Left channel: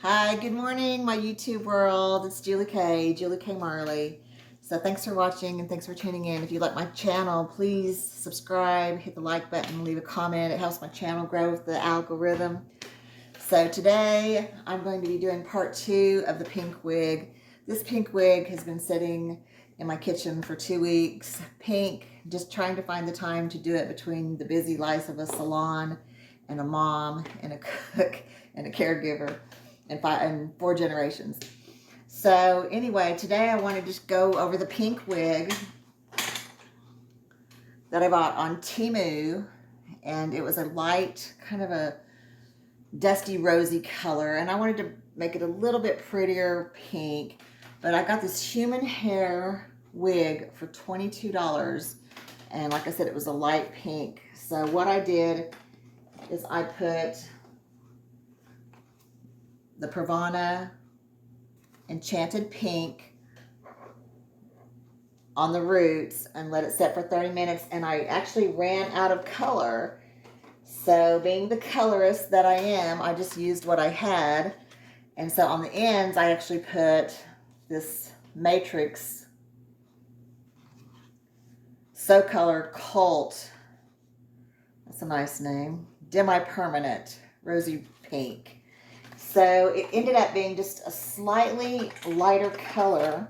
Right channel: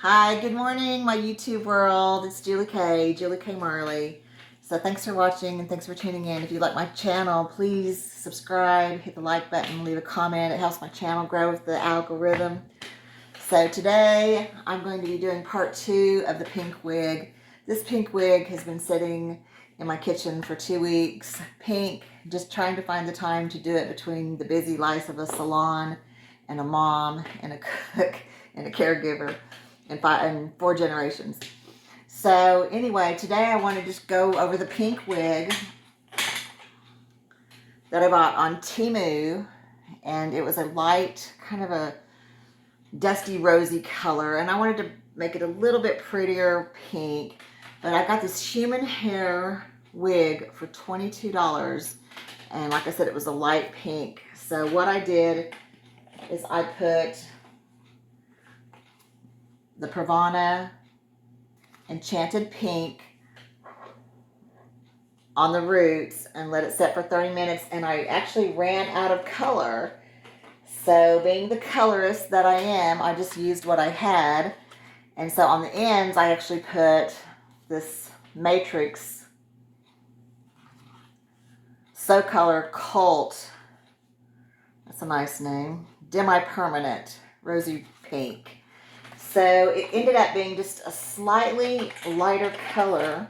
Hi, good morning, my YouTube world. It's Julie K Marley. So thanks for watching and thanks for tuning in. If you like my channel, please subscribe, hit the like button, leave a comment. It helps my channel grow with the algorithm. So today I'm going to be doing part 2 of the pink wig. This pink wig has been sitting in my kitchen for 2 weeks. Pink, just trying to find the time to do it between the busy life of a salon and a mom and a cook and a caregiver and 4 generations. So anyway, today I want to just go over the pink wig that I bought on Temu, and it was a light, kind of a dusty rosy color, and I wanted to make it a little bit prettier pink, but I got this human hair wig for $22, and like I said, it was a light pink. So what I did is I put the Pravana Enchanted Pink on the roots and let it set for 30 minutes, and I actually ran out of color. So being the colorist that I am, I just used what I had. And so on the ends, I actually put this Matrix So Color Cult. That's a nice name. Demi-permanent rosy pink. So it ended up being just a slightly lighter color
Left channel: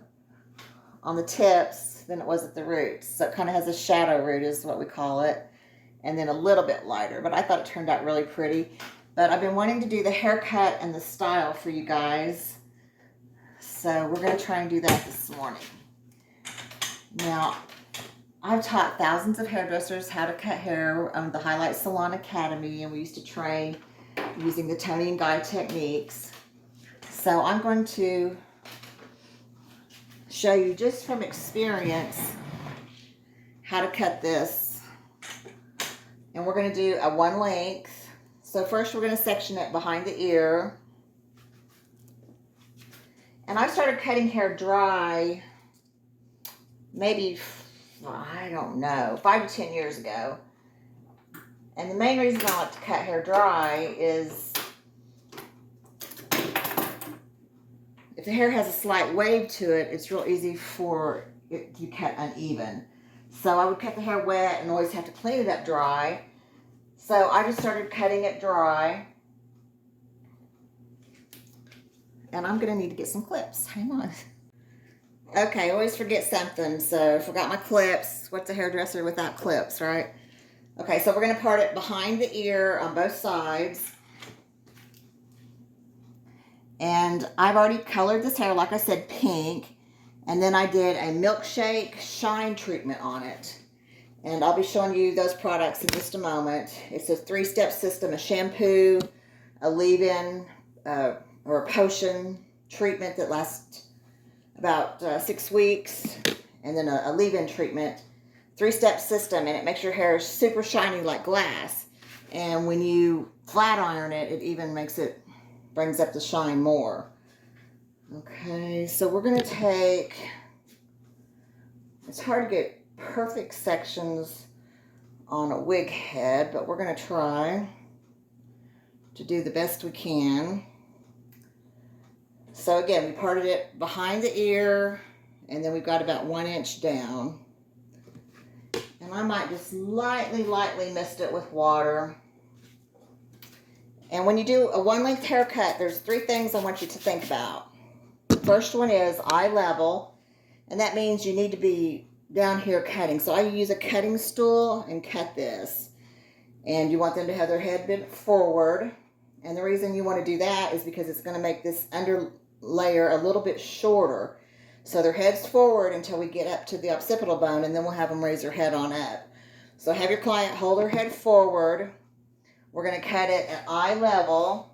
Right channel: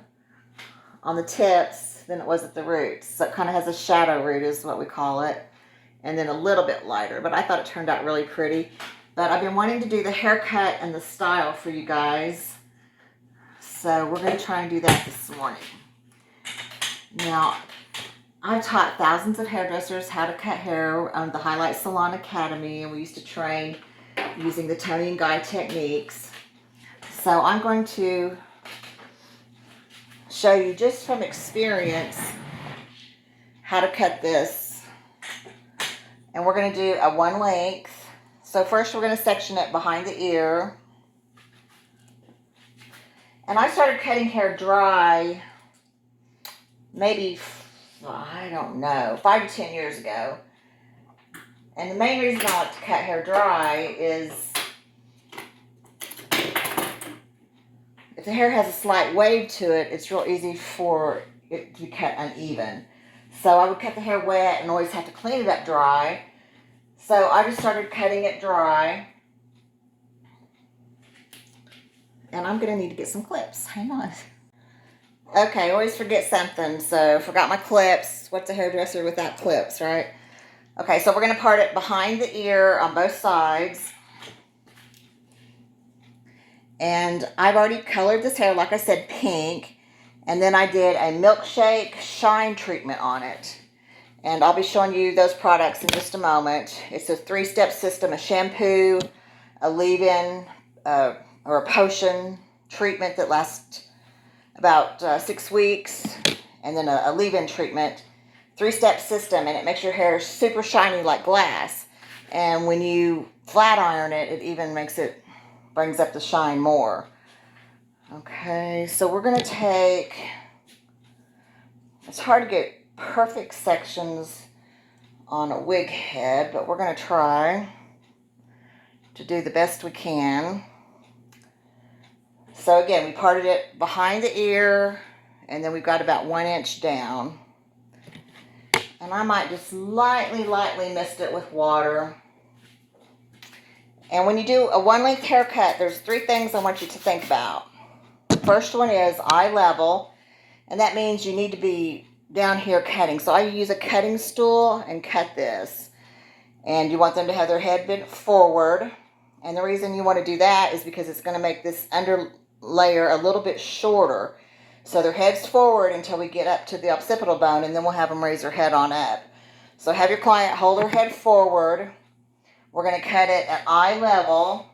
on the tips than it was at the roots. So it kind of has a shadow root is what we call it. And then a little bit lighter. But I thought it turned out really pretty. But I've been wanting to do the haircut and the style for you guys. So we're going to try and do that this morning. Now, I've taught thousands of hairdressers how to cut hair on the Highlight Salon Academy. And we used to train using the Tony and Guy techniques. So I'm going to show you just from experience how to cut this. And we're going to do a 1 length. So first we're going to section it behind the ear. And I started cutting hair dry maybe, I don't know, 5 to 10 years ago. And the main reason I like to cut hair dry is if the hair has a slight wave to it, it's real easy for it to be cut uneven. So I would cut the hair wet and always have to clean it up dry. So I just started cutting it dry. And I'm going to need to get some clips. Hang on. Okay, I always forget something. So forgot my clips. What's a hairdresser without clips, right? Okay, so we're going to part it behind the ear on both sides. And I've already colored this hair, like I said, pink. And then I did a milkshake shine treatment on it. And I'll be showing you those products in just a moment. It's a 3-step system, a shampoo, a leave-in, or a potion treatment that lasts about 6 weeks. And then a leave-in treatment. 3-step system, and it makes your hair super shiny like glass. And when you flat iron it, it even brings up the shine more. Okay, so we're going to take, it's hard to get perfect sections on a wig head, but we're going to try to do the best we can. So again, we parted it behind the ear, and then we've got about 1 inch down. And I might just lightly mist it with water. And when you do a 1 length haircut, there's 3 things I want you to think about. The first one is eye level, and that means you need to be down here cutting. So I use a cutting stool and cut this. And you want them to have their head bent forward. And the reason you want to do that is because it's going to make this under layer a little bit shorter. So their head's forward until we get up to the occipital bone, and then we'll have them raise their head on up. So have your client hold their head forward. We're going to cut it at eye level.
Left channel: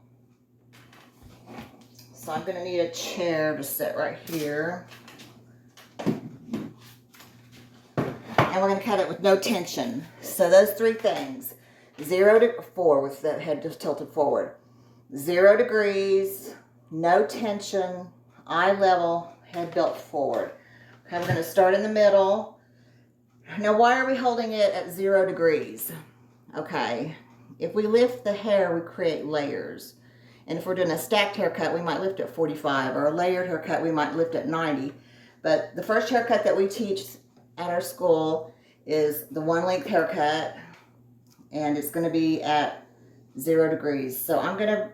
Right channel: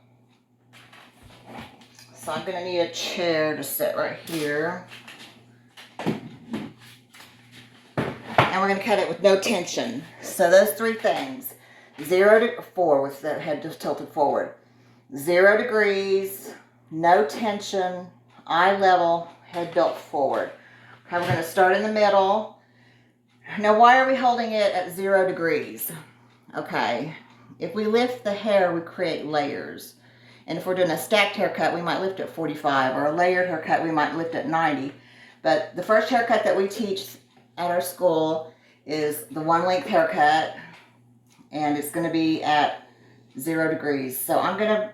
So I'm going to need a chair to sit right here. And we're going to cut it with no tension. So those 3 things. 0 to 4 with the head just tilted forward. 0 degrees, no tension, eye level, head built forward. Okay, we're going to start in the middle. Now, why are we holding it at 0 degrees? Okay, if we lift the hair, we create layers. And if we're doing a stacked haircut, we might lift at 45, or a layered haircut, we might lift at 90. But the first haircut that we teach at our school is the one length haircut, and it's going to be at 0 degrees. So I'm going to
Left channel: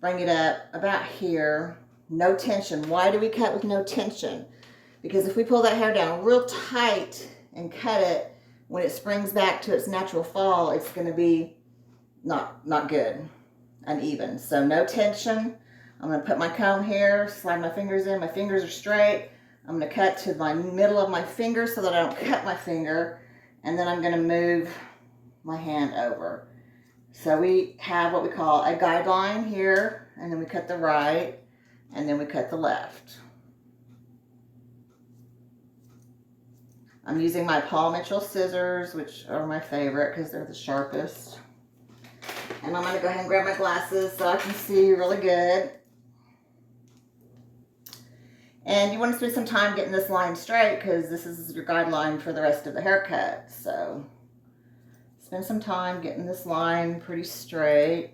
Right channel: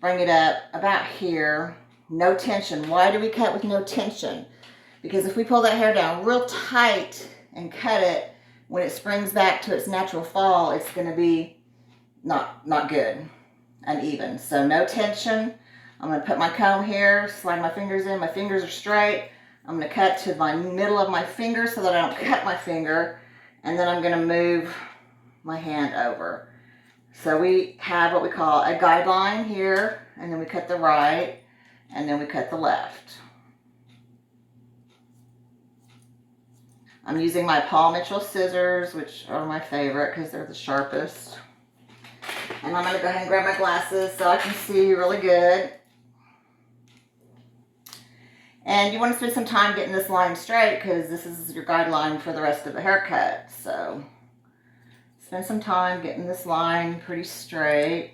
bring it up about here. No tension. Why do we cut with no tension? Because if we pull that hair down real tight and cut it, when it springs back to its natural fall, it's going to be not good, uneven. So no tension. I'm going to put my comb here, slide my fingers in. My fingers are straight. I'm going to cut to my middle of my finger so that I don't cut my finger. And then I'm going to move my hand over. So we have what we call a guideline here, and then we cut the right, and then we cut the left. I'm using my Paul Mitchell scissors, which are my favorite because they're the sharpest. And I'm going to go ahead and grab my glasses so I can see really good. And you want to spend some time getting this line straight because this is your guideline for the rest of the haircut. So spend some time getting this line pretty straight.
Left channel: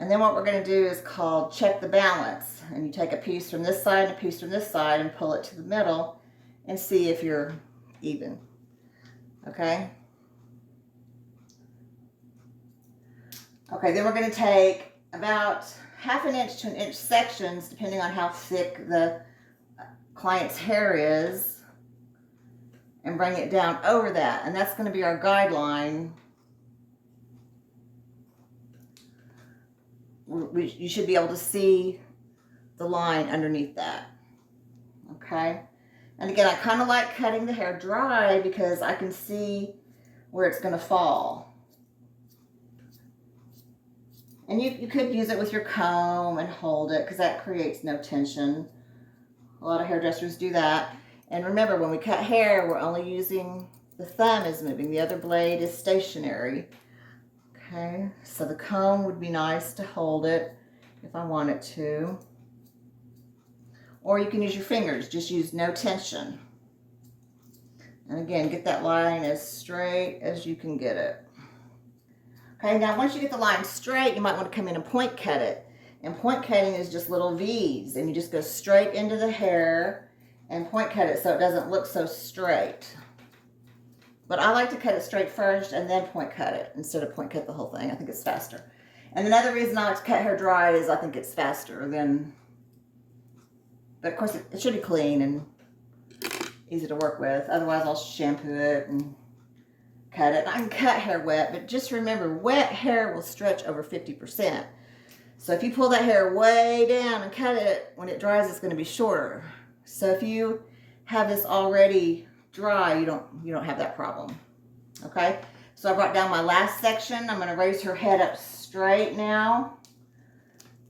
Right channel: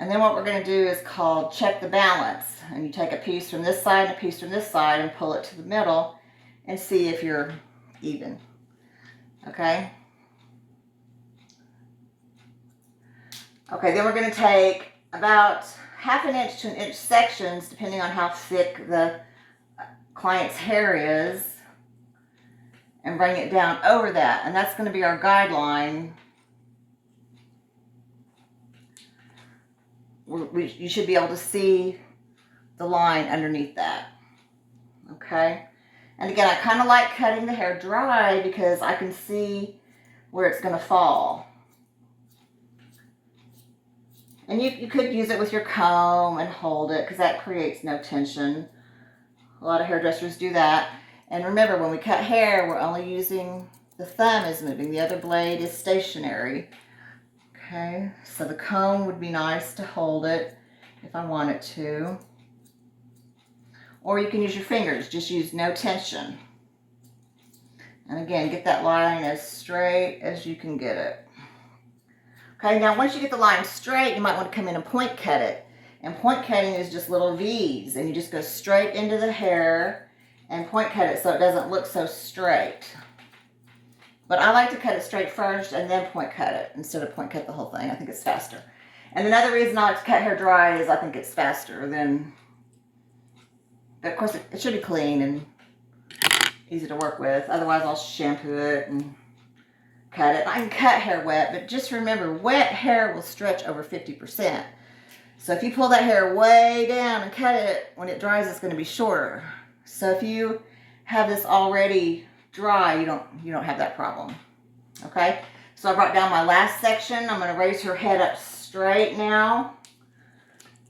And then what we're going to do is called check the balance. And you take a piece from this side and a piece from this side and pull it to the middle and see if you're even. Okay? Okay, then we're going to take about 1/2 inch to 1 inch sections, depending on how thick the client's hair is, and bring it down over that. And that's going to be our guideline. You should be able to see the line underneath that. Okay? And again, I kind of like cutting the hair dry because I can see where it's going to fall. And you could use it with your comb and hold it because that creates no tension. A lot of hairdressers do that. And remember, when we cut hair, we're only using the thumb is moving. The other blade is stationary. Okay, so the comb would be nice to hold it if I wanted to. Or you can use your fingers, just use no tension. And again, get that line as straight as you can get it. Okay, now once you get the line straight, you might want to come in and point cut it. And point cutting is just little V's, and you just go straight into the hair and point cut it so it doesn't look so straight. But I like to cut it straight first and then point cut it instead of point cut the whole thing. I think it's faster. And another reason I like to cut hair dry is I think it's faster than, but of course it should be clean and easy to work with. Otherwise I'll shampoo it and cut it. I can cut hair wet, but just remember, wet hair will stretch over 50%. So if you pull that hair way down and cut it, when it dries, it's going to be shorter. So if you have this already dry, you don't have that problem. Okay? So I brought down my last section. I'm going to raise her head up straight now.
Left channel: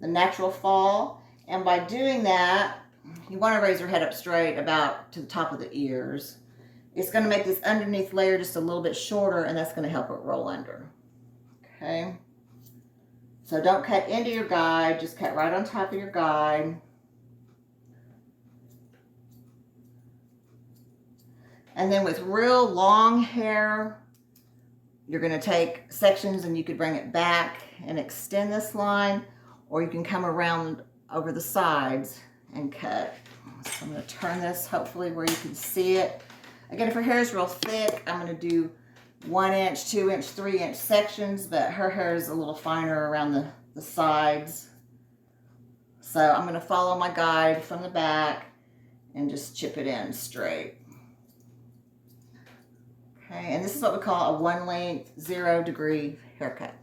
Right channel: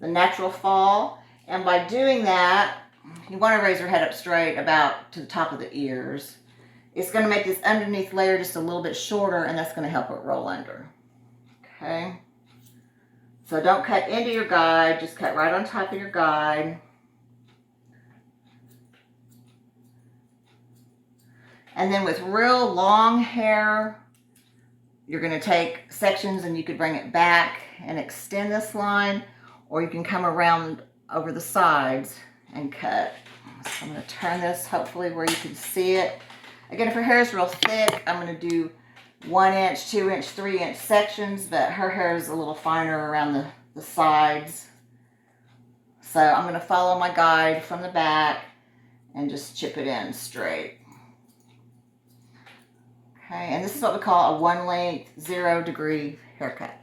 The natural fall. And by doing that, you want to raise her head up straight about to the top of the ears. It's going to make this underneath layer just a little bit shorter, and that's going to help it roll under. Okay? So don't cut into your guide, just cut right on top of your guide. And then with real long hair, you're going to take sections and you could bring it back and extend this line, or you can come around over the sides and cut. So I'm going to turn this hopefully where you can see it. Again, if her hair is real thick, I'm going to do 1 inch, 2 inch, 3 inch sections, but her hair is a little finer around the sides. So I'm going to follow my guide from the back and just chip it in straight. Okay, and this is what we call a 1 length, 0 degree haircut.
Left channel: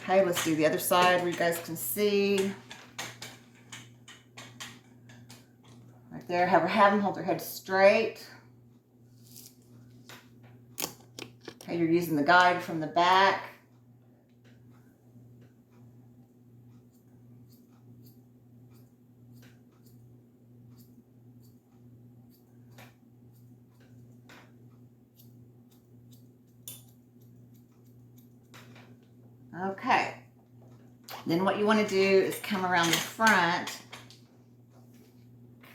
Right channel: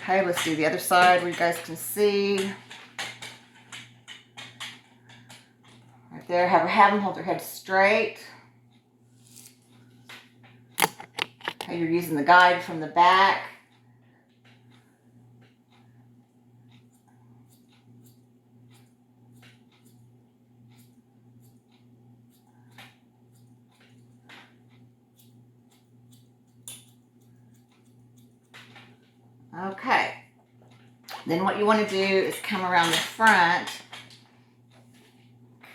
Okay, let's do the other side where you guys can see. Right there, have them hold their head straight. Okay, you're using the guide from the back. Okay, then what you want to do is come around the front,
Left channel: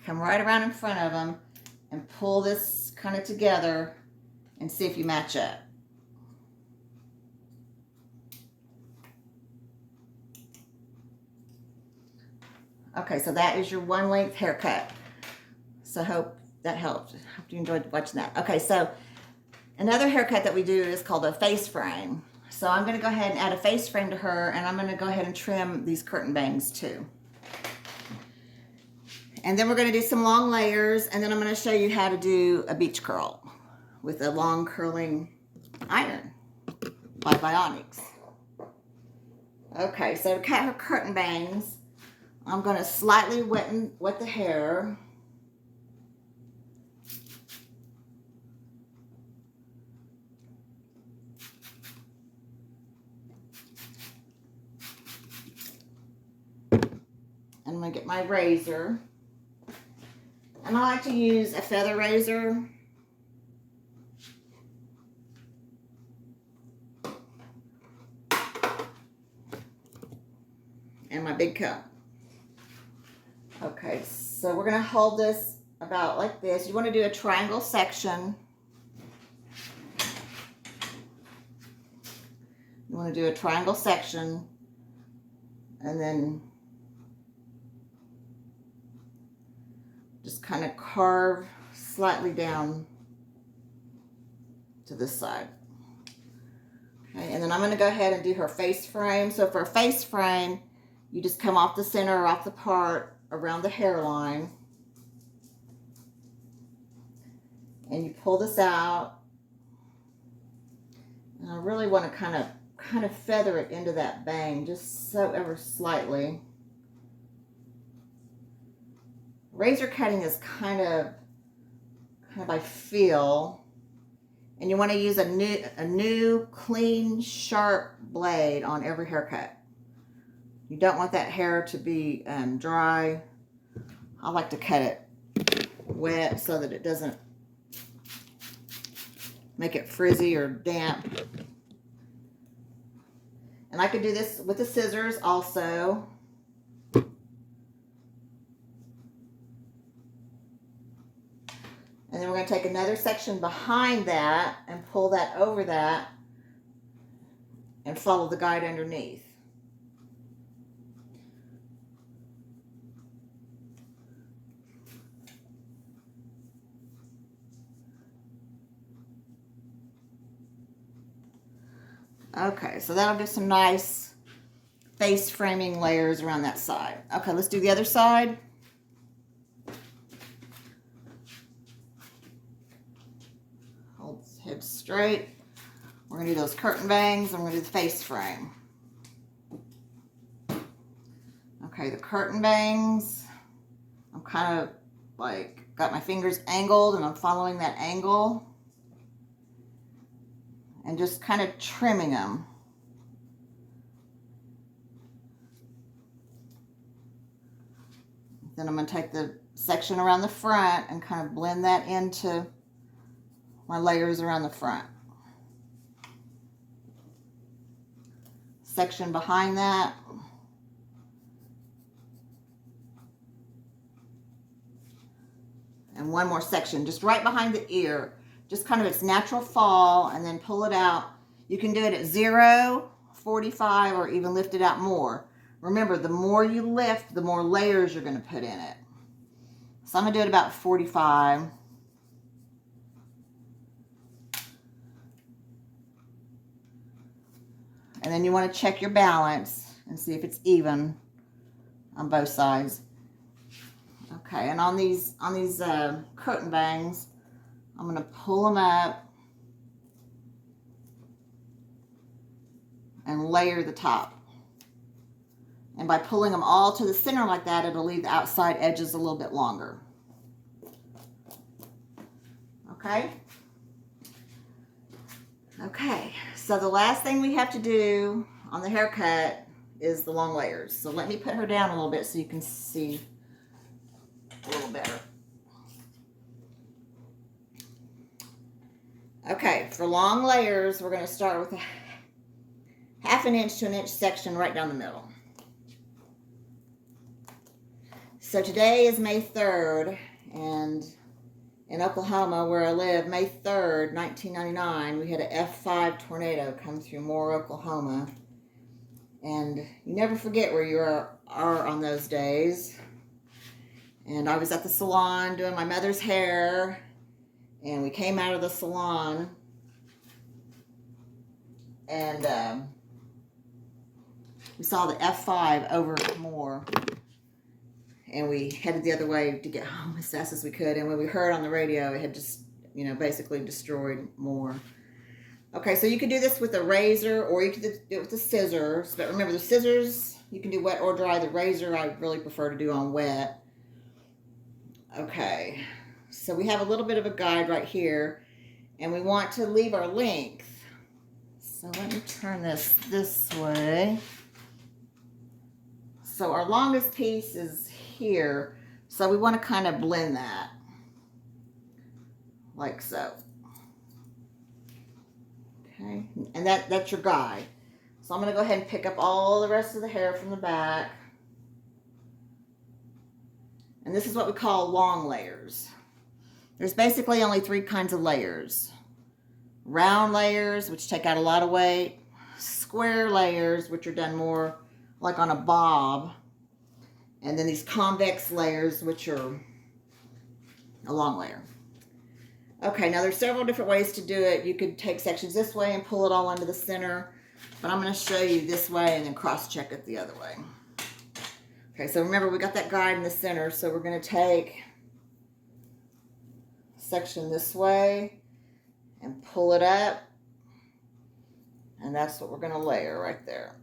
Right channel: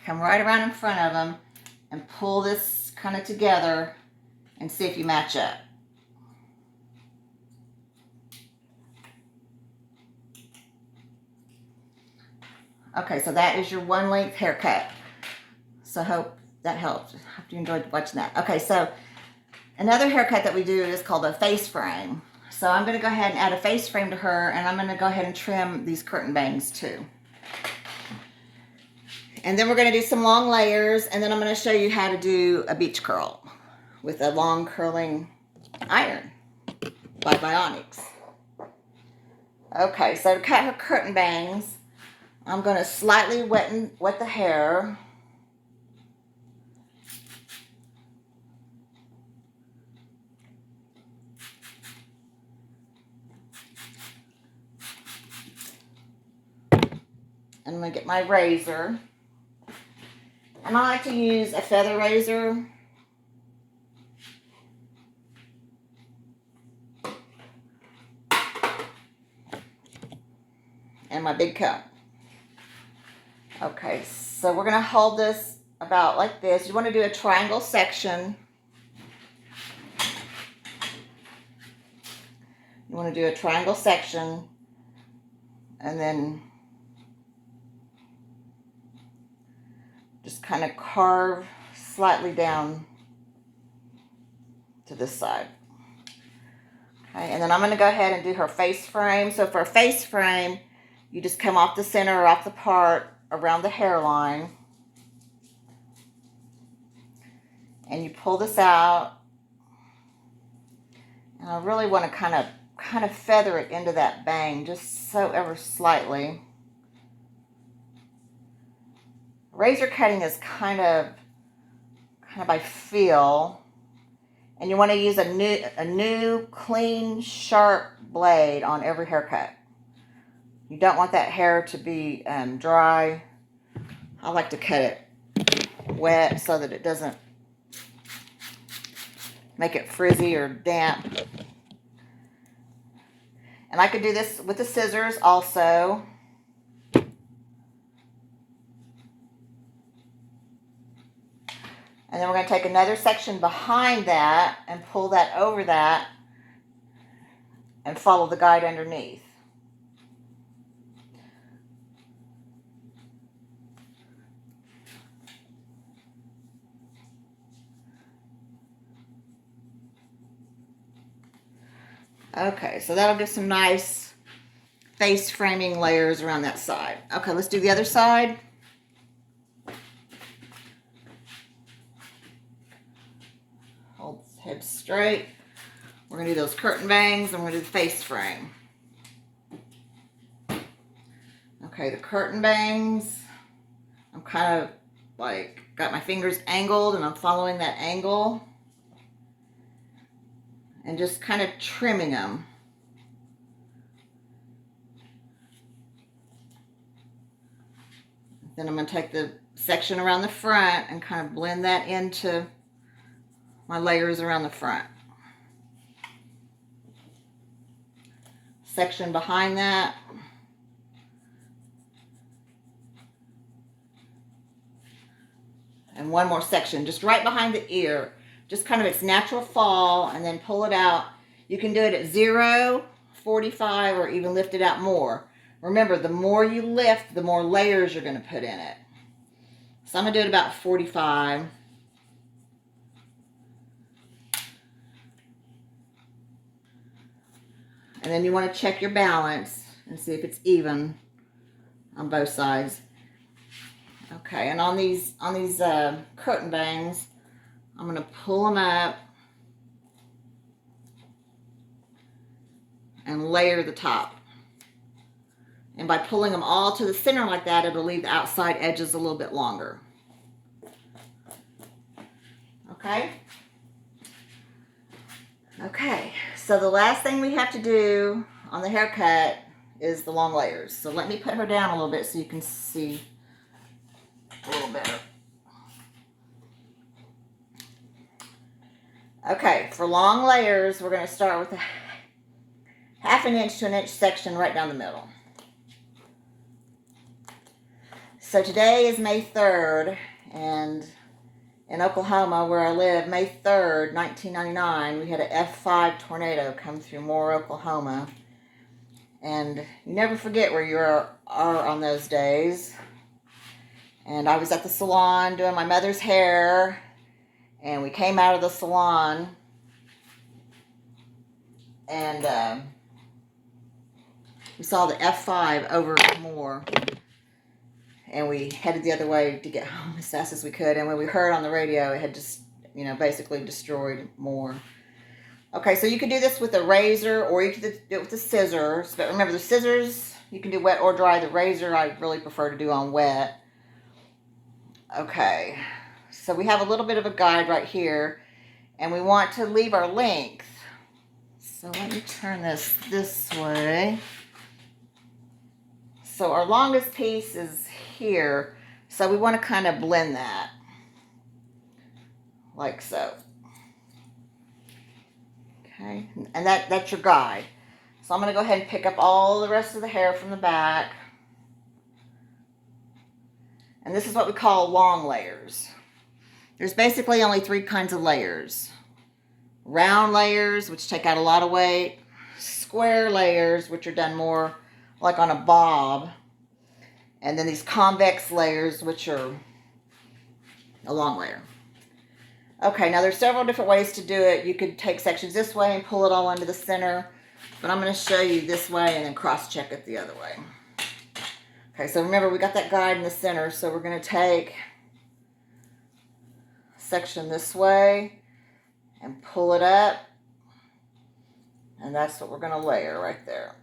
come right around in front of them and pull this kind of together and see if you match up. Okay, so that is your one length haircut. So I hope that helped. Hope you enjoyed watching that. Okay, so another haircut that we do is called a face frame. So I'm going to go ahead and add a face frame to her, and I'm going to go ahead and trim these curtain bangs too. And then we're going to do some long layers, and then I'm going to show you how to do a beach curl with a long curling iron by Bionics. Okay, so to cut her curtain bangs, I'm going to slightly wet the hair. And I'm going to get my razor. And I like to use a feather razor. And my big comb. Okay, so we're going to hold this about like this. You want to do a triangle section. You want to do a triangle section, and then just kind of carve slightly down to this side. Okay, and then I'm going to go ahead and do her face frame. So for a face frame, you just come off the center or off the part around the hairline, and you pull this out. And I really want to kind of feather it into that bang, just so ever slightly. Razor cutting is kind of by feel, and you want to use a new clean sharp blade on every haircut. You don't want that hair to be dry. I like to cut it wet so that it doesn't make it frizzy or damp. And I could do this with the scissors also. And then we're going to take another section behind that and pull that over that and follow the guide underneath. Okay, so that'll give some nice face framing layers around that side. Okay, let's do the other side. Hold the head straight. We're going to do those curtain bangs, and we're going to do the face frame. Okay, the curtain bangs, I'm kind of like got my fingers angled, and I'm following that angle and just kind of trimming them. Then I'm going to take the section around the front and kind of blend that into my layers around the front. Section behind that. And one more section just right behind the ear. Just kind of its natural fall, and then pull it out. You can do it at 0, 45, or even lift it out more. Remember, the more you lift, the more layers you're going to put in it. So I'm going to do it about 45. And then you want to check your balance and see if it's even on both sides. Okay, and on these curtain bangs, I'm going to pull them up and layer the top. And by pulling them all to the center like that, it'll leave the outside edges a little bit longer. Okay? Okay, so the last thing we have to do on the haircut is the long layers. So let me put her down a little bit so you can see a little better. Okay, for long layers, we're going to start with a 1/2 inch to 1 inch section right down the middle. So today is May 3rd, and in Oklahoma, where I live, May 3rd, 1999, we had an F5 tornado come through Moore, Oklahoma. And you never forget where you are on those days. And I was at the salon doing my mother's hair, and we came out of the salon, and we saw the F5 over more, and we headed the other way to get home as fast as we could. And when we heard on the radio, it had just, you know, basically destroyed more. Okay, so you could do this with a razor, or you could do it with the scissors. But remember, the scissors, you can do wet or dry. The razor, I really prefer to do on wet. Okay, so we have a little bit of a guide right here, and we want to leave our length. So let me turn this way. So our longest piece is here, so we want to kind of blend that, like so. Okay, and that's your guide. So I'm going to go ahead and pick up all the rest of the hair from the back. And this is what we call long layers. There's basically only 3 kinds of layers. Round layers, which take out a lot of weight. Square layers, which are done more like on a bob. And then these convex layers, which are a long layer. Okay, now there's several different ways to do it. You could take sections this way and pull it all into the center. But I'm going to show you this way and then cross-check it the other way. Okay, so remember, we got that guide in the center, so we're going to take a section this way and pull it up, and that's what we're going to layer right there.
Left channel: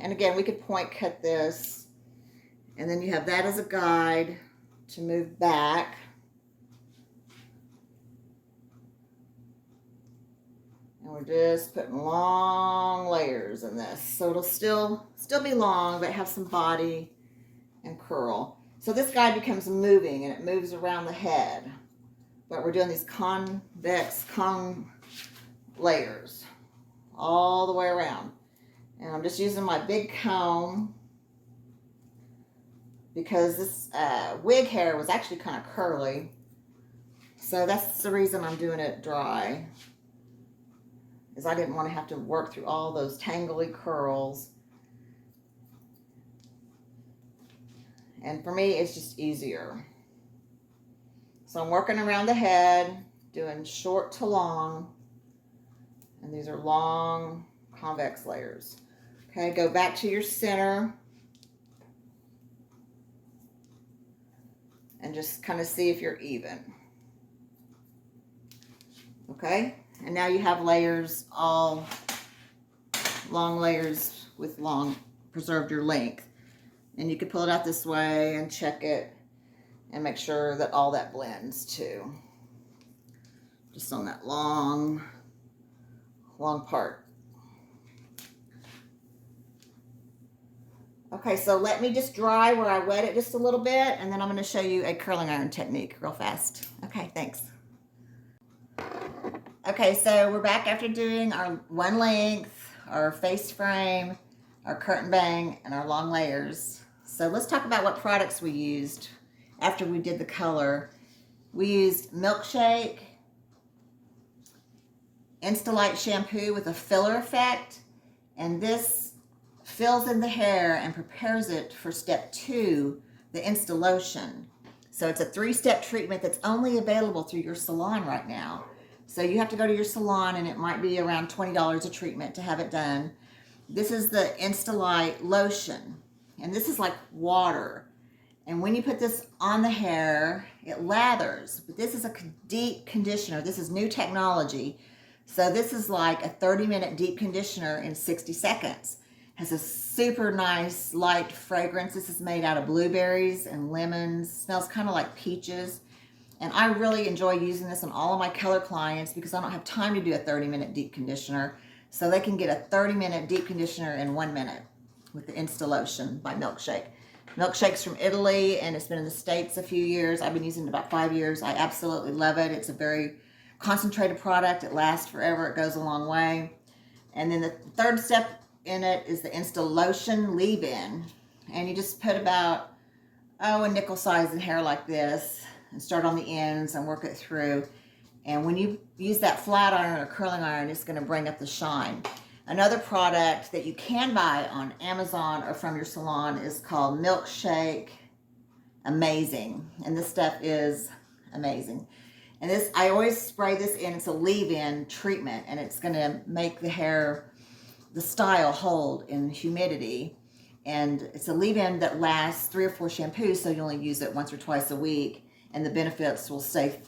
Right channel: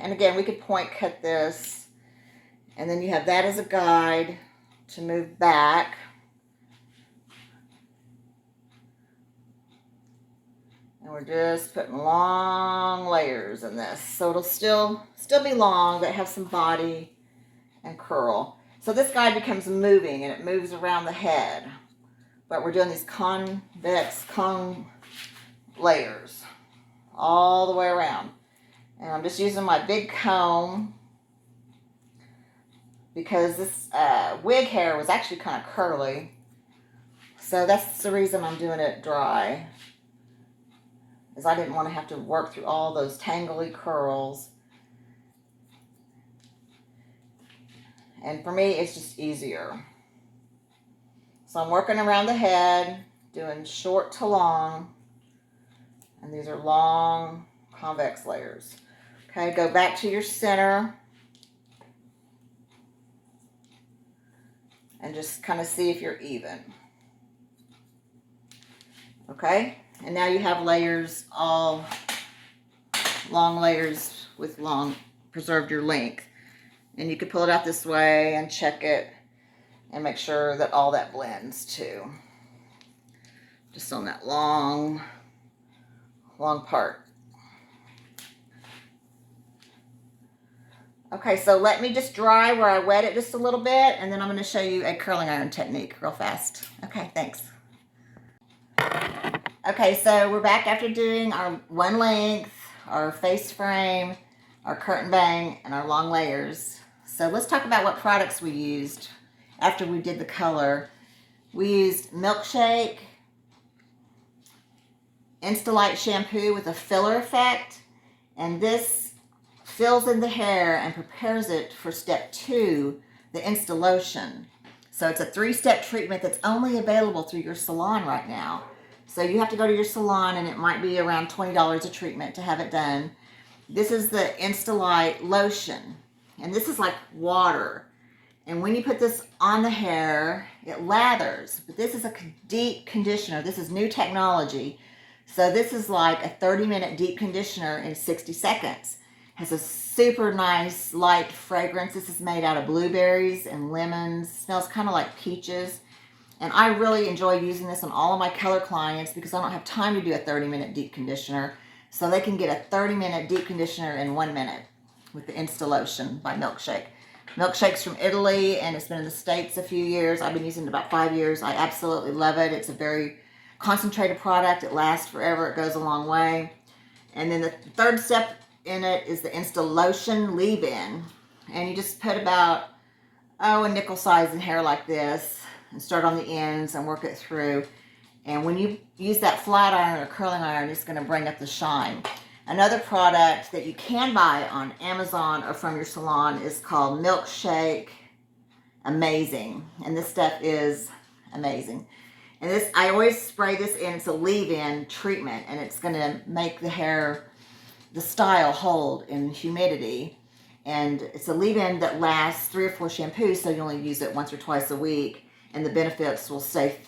And again, we could point cut this, and then you have that as a guide to move back. And we're just putting long layers in this, so it'll still be long, but have some body and curl. So this guide becomes moving, and it moves around the head. But we're doing these convex layers all the way around. And I'm just using my big comb because this wig hair was actually kind of curly. So that's the reason I'm doing it dry, is I didn't want to have to work through all those tangly curls. And for me, it's just easier. So I'm working around the head, doing short to long. And these are long convex layers. Okay, go back to your center. And just kind of see if you're even. Okay, and now you have layers, all long layers with preserved your length. And you can pull it out this way and check it and make sure that all that blends too. Just on that long part. Okay, so let me just dry where I wet it just a little bit, and then I'm going to show you a curling iron technique real fast. Okay, thanks. Okay, so we're back after doing our one length, our face frame, our curtain bang, and our long layers. So let's talk about what products we used after we did the color. We used Milkshake, Insta-Light shampoo with a filler effect, and this fills in the hair and prepares it for step 2, the Insta Lotion. So it's a 3-step treatment that's only available through your salon right now. So you have to go to your salon, and it might be around $20 a treatment to have it done. This is the Insta-Light Lotion, and this is like water. And when you put this on the hair, it lathers. But this is a deep conditioner. This is new technology. So this is like a 30-minute deep conditioner in 60 seconds. Has a super nice light fragrance. This is made out of blueberries and lemons. Smells kind of like peaches. And I really enjoy using this on all of my color clients because I don't have time to do a 30-minute deep conditioner. So they can get a 30-minute deep conditioner in 1 minute with the Insta Lotion by Milkshake. Milkshake's from Italy, and it's been in the States a few years. I've been using it about 5 years. I absolutely love it. It's a very concentrated product. It lasts forever. It goes a long way. And then the third step in it is the Insta Lotion leave-in. And you just put about, a nickel size in hair like this and start on the ends and work it through. And when you use that flat iron or curling iron, it's going to bring up the shine. Another product that you can buy on Amazon or from your salon is called Milkshake amazing. And this stuff is amazing. And this, I always spray this in. It's a leave-in treatment, and it's going to make the hair, the style, hold in humidity. And it's a leave-in that lasts 3 or 4 shampoos, so you only use it once or twice a week, and the benefits will stay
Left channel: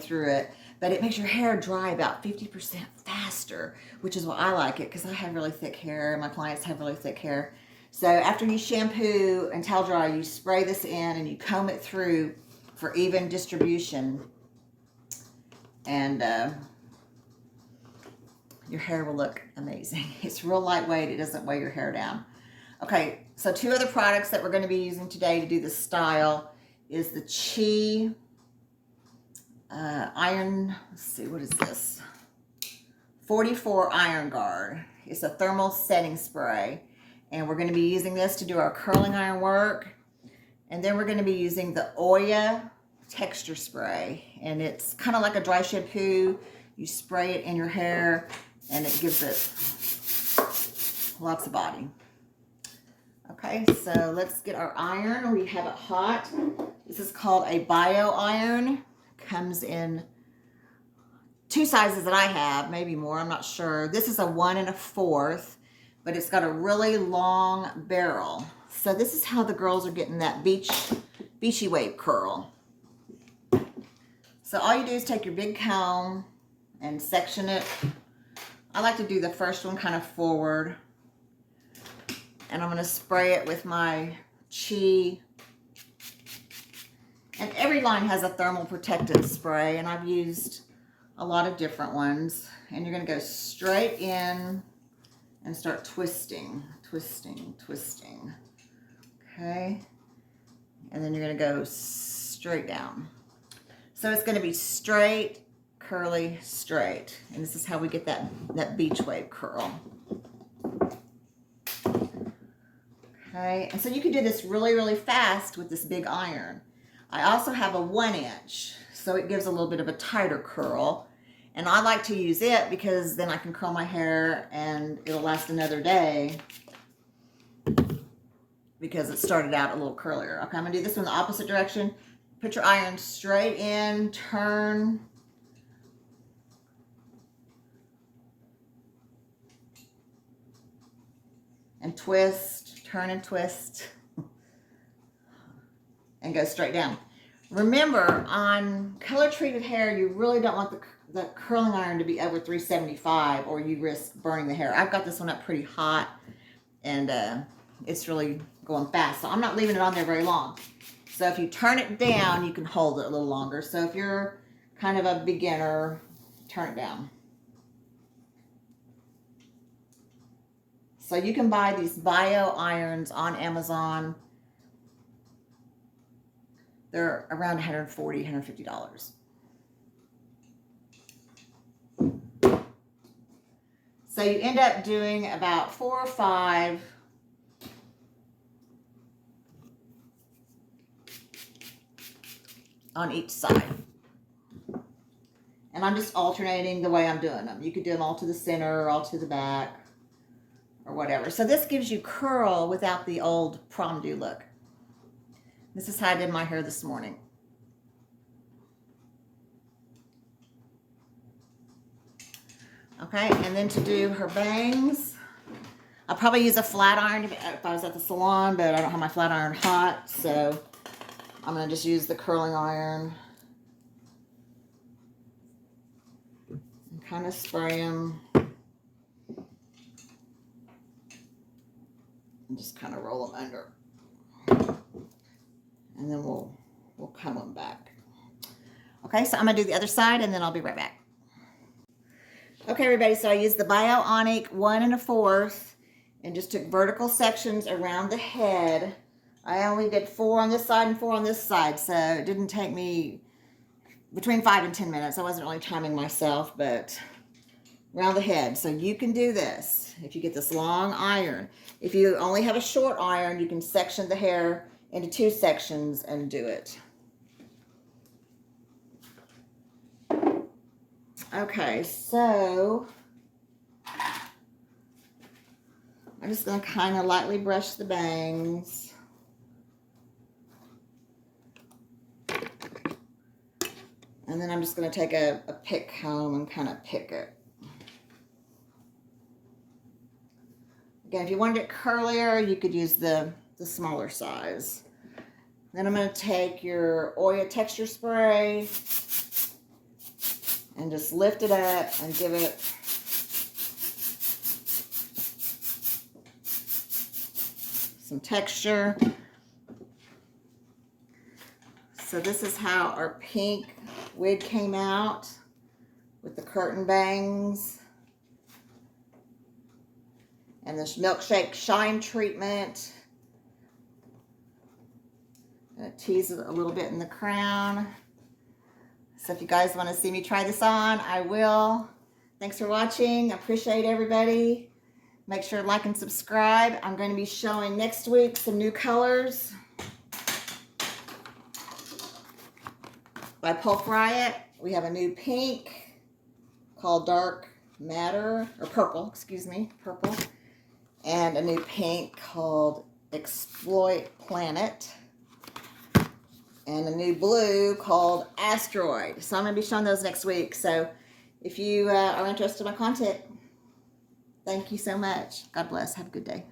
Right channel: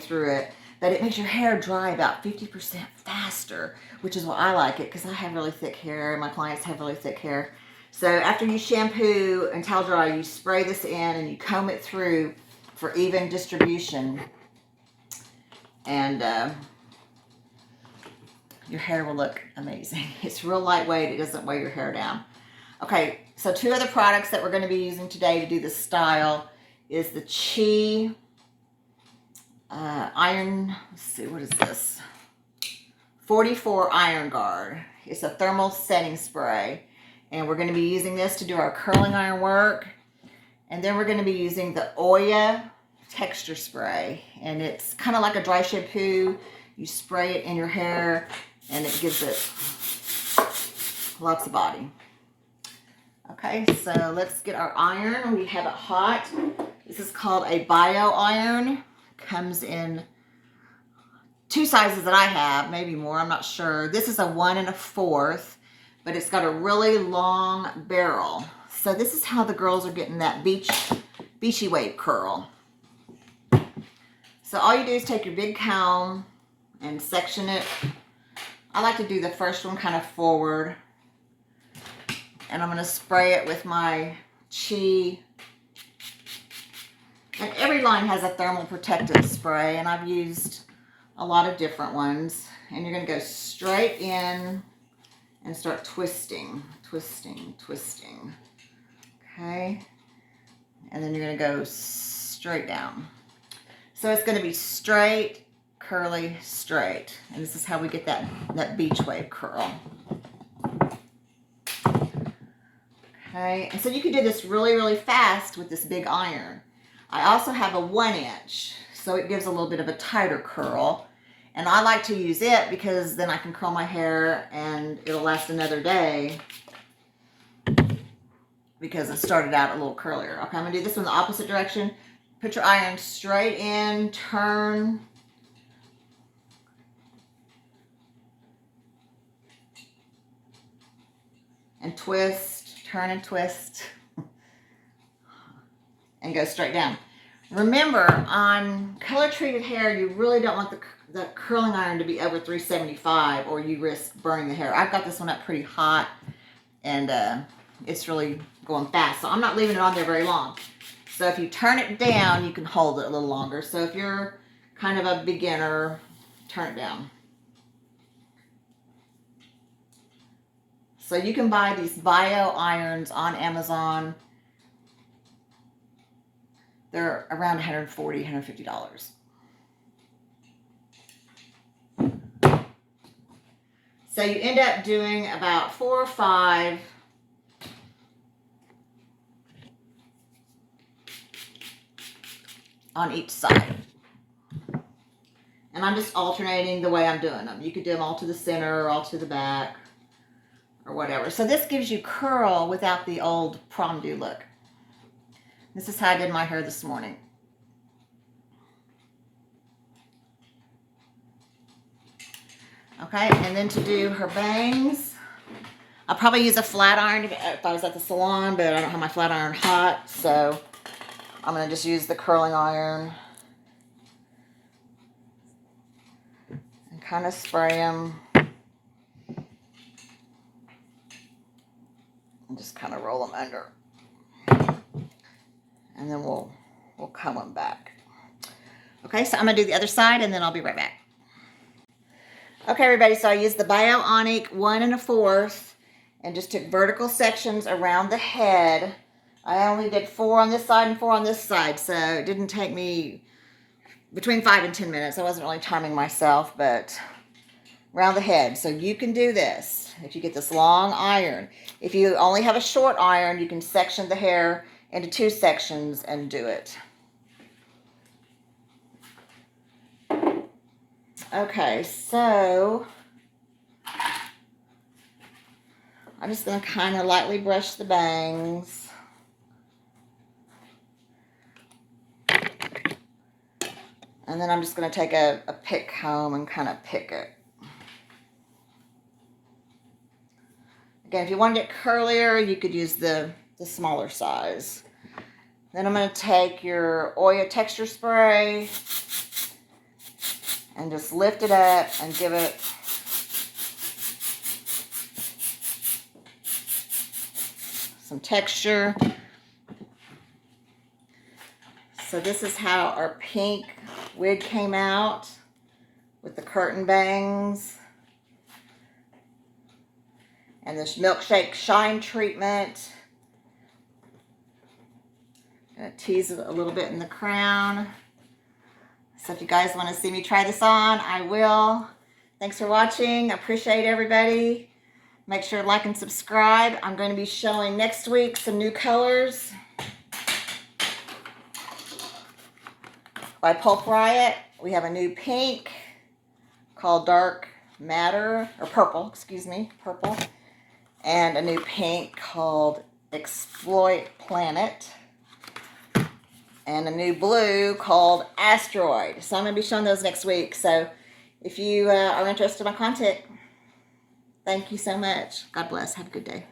through it. But it makes your hair dry about 50% faster, which is why I like it, because I have really thick hair, and my clients have really thick hair. So after you shampoo and towel dry, you spray this in and you comb it through for even distribution. And your hair will look amazing. It's real lightweight. It doesn't weigh your hair down. Okay, so 2 other products that we're going to be using today to do this style is the Chi Iron, let's see, what is this? 44 Iron Guard. It's a thermal setting spray. And we're going to be using this to do our curling iron work. And then we're going to be using the Oya texture spray. And it's kind of like a dry shampoo. You spray it in your hair and it gives it lots of body. Okay, so let's get our iron. We have it hot. This is called a bio iron. Comes in 2 sizes that I have, maybe more, I'm not sure. This is a 1 1/4, but it's got a really long barrel. So this is how the girls are getting that beachy wave curl. So all you do is take your big comb and section it. I like to do the first one kind of forward. And I'm going to spray it with my Chi. And every line has a thermal protective spray, and I've used a lot of different ones. And you're going to go straight in and start twisting, twisting, twisting. Okay? And then you're going to go straight down. So it's going to be straight, curly, straight. And this is how we get that beach wave curl. Okay? And so you can do this really, really fast with this big iron. I also have a 1 inch, so it gives a little bit of a tighter curl. And I like to use it because then I can curl my hair and it'll last another day because it started out a little curlier. Okay, I'm going to do this one the opposite direction. Put your iron straight in, turn. And twist, turn and twist. And go straight down. Remember, on color treated hair, you really don't want the curling iron to be over 375 or you risk burning the hair. I've got this one up pretty hot and it's really going fast. So I'm not leaving it on there very long. So if you turn it down, you can hold it a little longer. So if you're kind of a beginner, turn it down. So you can buy these bio irons on Amazon. They're around $140, $150. So you end up doing about 4 or 5 on each side. And I'm just alternating the way I'm doing them. You could do them all to the center or all to the back or whatever. So this gives you curl without the old prom do look. This is how I did my hair this morning. Okay, and then to do her bangs, I'll probably use a flat iron if I was at the salon, but I don't have my flat iron hot, so I'm going to just use the curling iron and kind of spray them and just kind of roll them under. And then we'll comb them back. Okay, so I'm going to do the other side and then I'll be right back. Okay, everybody, so I used the Bionic 1 1/4 and just took vertical sections around the head. I only did 4 on this side and 4 on this side, so it didn't take me between 5 and 10 minutes. I wasn't really timing myself, but around the head. So you can do this if you get this long iron. If you only have a short iron, you can section the hair into 2 sections and do it. Okay, so I'm just going to kind of lightly brush the bangs. And then I'm just going to take a pick comb and kind of pick it. Again, if you wanted it curlier, you could use the smaller size. Then I'm going to take your Oya texture spray and just lift it up and give it some texture. So this is how our pink wig came out with the curtain bangs and this milkshake shine treatment. I'm going to tease it a little bit in the crown. So if you guys want to see me try this on, I will. Thanks for watching. I appreciate everybody. Make sure to like and subscribe. I'm going to be showing next week some new colors by Pulp Riot. We have a new pink called Dark Matter, or purple, excuse me, purple. And a new pink called Exploit Planet. And a new blue called Asteroid. So I'm going to be showing those next week. So if you are interested in my content, thank you so much. God bless. Have a good day.